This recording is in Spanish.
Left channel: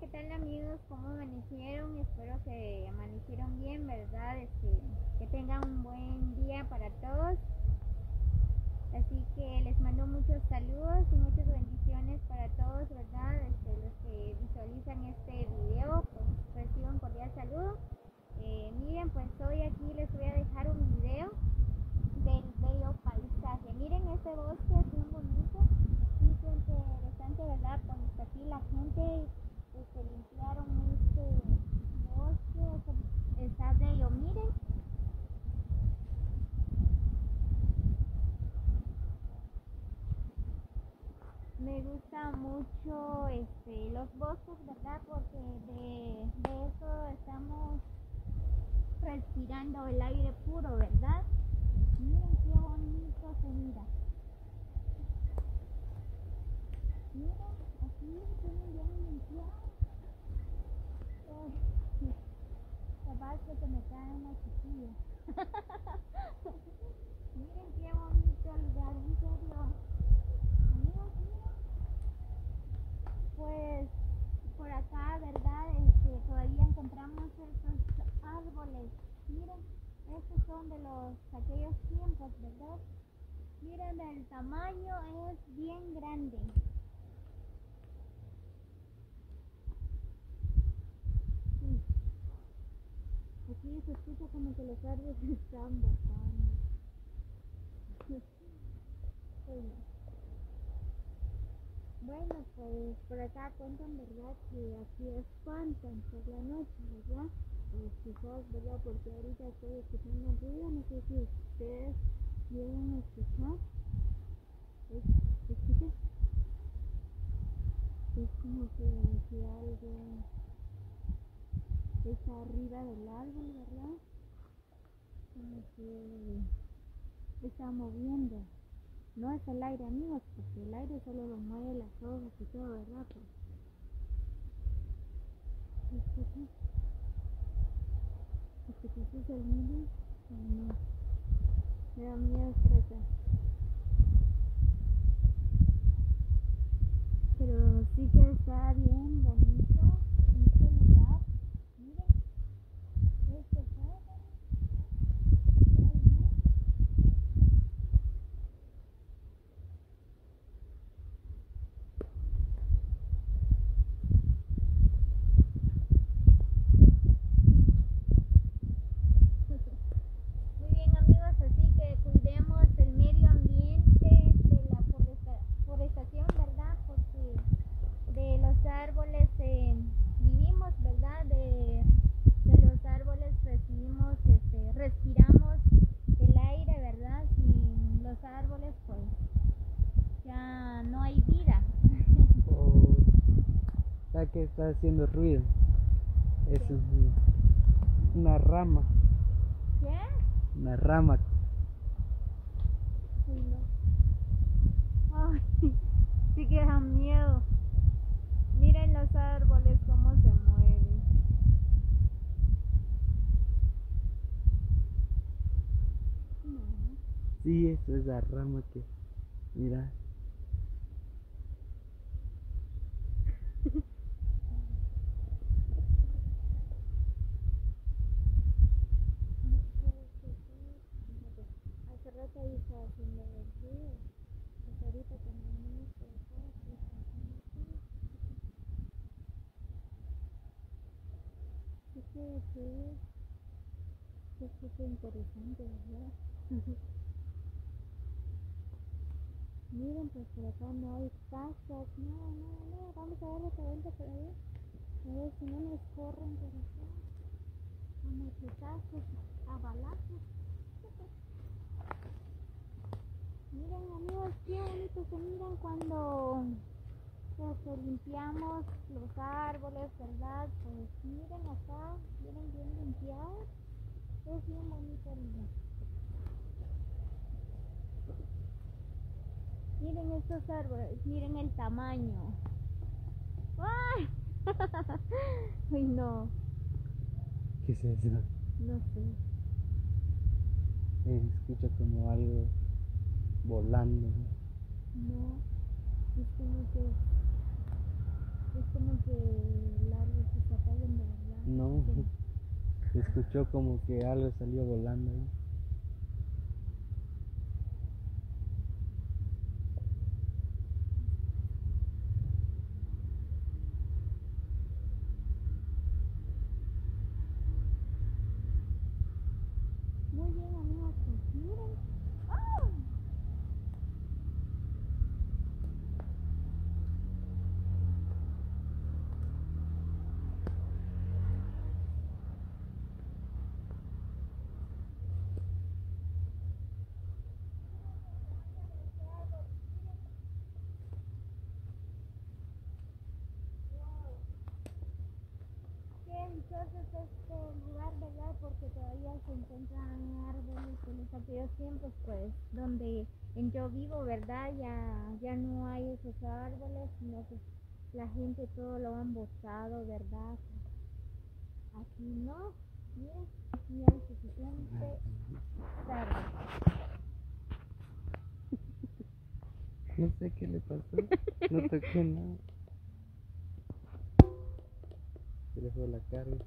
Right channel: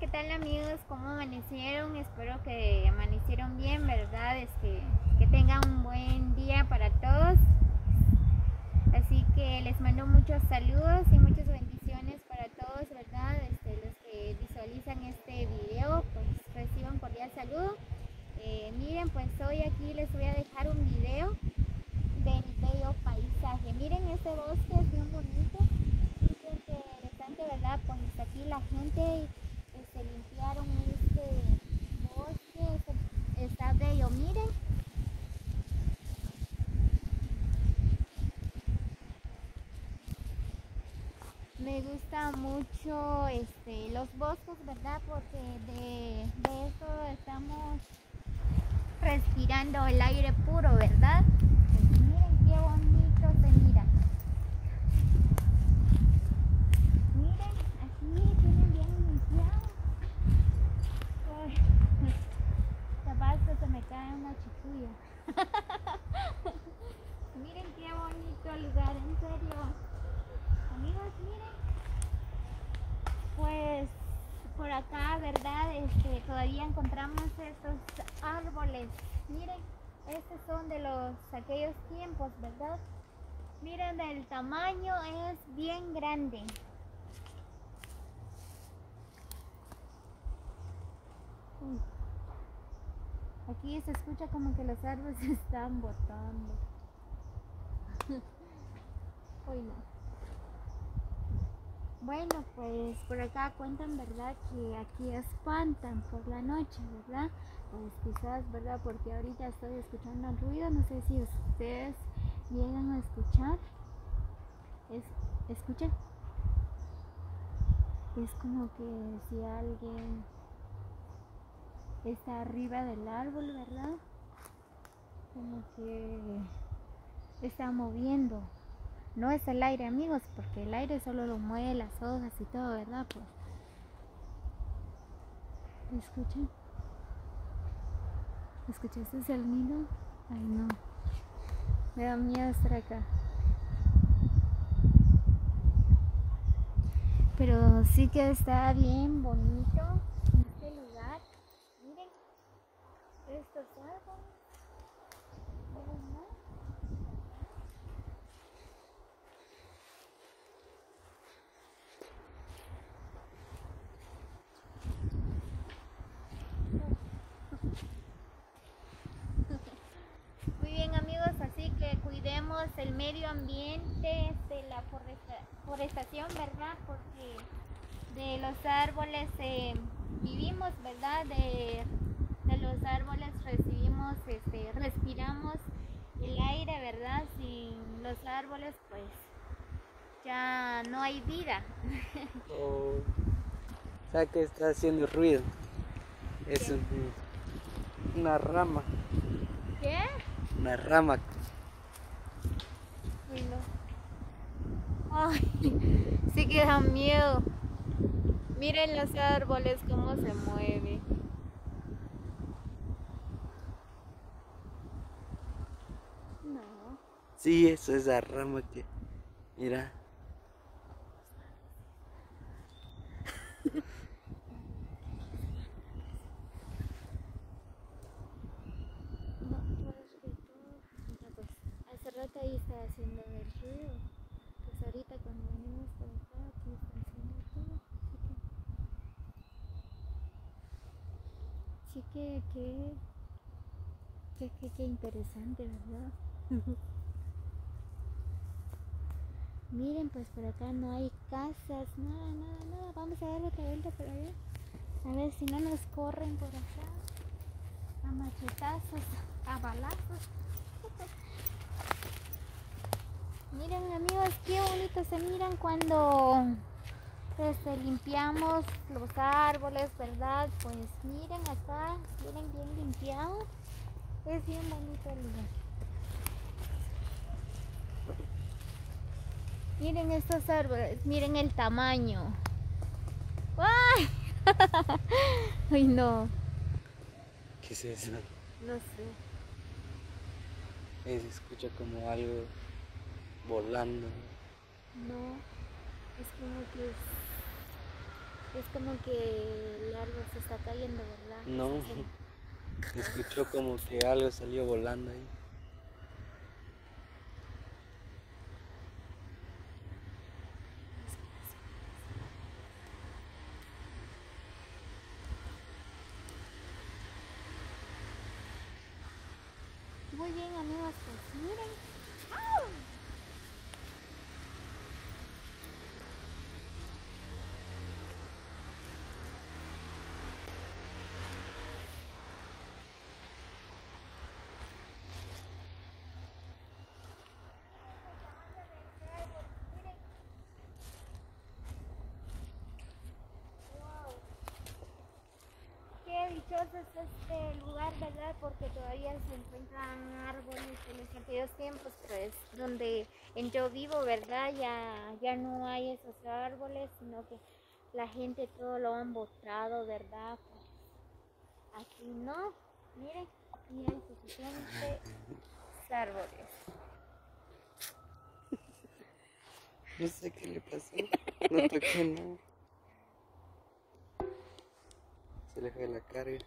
¿qué tal amigos? ¿Cómo amanecieron? Espero que amanecieron bien, ¿verdad? Que tengan un buen día para todos. Así que les mando muchos saludos y muchas bendiciones para todos, ¿verdad? Los que visualizan este video, pues reciban cordial saludo. Miren, pues hoy aquí les voy a dejar un video del bello paisaje. Miren este bosque, es bien bonito, súper interesante, ¿verdad? Pues aquí la gente limpiaron este bosque, está bello, miren. Me gusta mucho los bosques, ¿verdad? Porque de eso estamos respirando el aire puro, ¿verdad? Pues miren qué bonito se mira. Miren, aquí tienen bien limpiado. Ay, capaz que se me cae una chiquilla. Miren qué bonito lugar, en serio. Amigos, miren. Pues por acá, ¿verdad? Todavía encontramos estos árboles. Miren, estos son de aquellos tiempos, ¿verdad? Miren, el tamaño es bien grande. Aquí se escucha como que los árboles se están botando. Uy, no. Bueno, pues por acá cuentan, ¿verdad? Que aquí espantan por la noche, ¿verdad? Pues quizás, ¿verdad? Porque ahorita estoy escuchando el ruido, no sé si ustedes llegan a escuchar. ¿Escuchan? Es como que si alguien está arriba del árbol, ¿verdad? Como que está moviendo. No es el aire, amigos, porque el aire solo lo mueve las hojas y todo, ¿verdad? Pues, ¿escuchan? ¿Escuchaste el nido? Ay, no. Me da miedo estar acá. Pero sí que está bien bonito este lugar. Miren, estos árboles. Muy bien amigos, así que cuidemos el medio ambiente de la forestación, ¿verdad? Porque de los árboles vivimos, ¿verdad? De los árboles recibimos, respiramos el aire, ¿verdad? Sin los árboles pues ya no hay vida. O sea que está haciendo ruido. Es una rama. ¿Qué? Una rama. Bueno. Ay, sí que da miedo. Miren los árboles cómo se mueven. No. Sí, eso es la rama que. Mira. Hace rato ahí estaba haciendo el ruido. Pues ahorita cuando venimos por acá, aquí está haciendo todo. Sí que interesante, ¿verdad? Miren, pues por acá no hay casas, nada. Vamos a dar otra vuelta por allá. A ver si no nos corren por acá. A machetazos, a balazos. Miren amigos, qué bonito se miran cuando limpiamos los árboles, ¿verdad? Pues miren acá, miren bien limpiado. Es bien bonito el lugar. Miren estos árboles, miren el tamaño. ¡Ay! Ay no. ¿Qué es eso? No sé. Se escucha como algo volando. No. Es como que Es como que el árbol se está cayendo, ¿verdad? No, Sí. se escuchó como que algo salió volando ahí. Muy bien, amigos, pues miren. ¡Oh! Wow. Qué dichoso es este lugar, ¿verdad? Porque todavía se encuentran árboles de los antiguos tiempos, pues donde en yo vivo, ¿verdad? Ya no hay esos árboles, sino que la gente todo lo han botado, ¿verdad? Pues aquí no, miren, aquí hay suficientes árboles. No sé qué le pasó. No toqué nada. Se le fue la carga.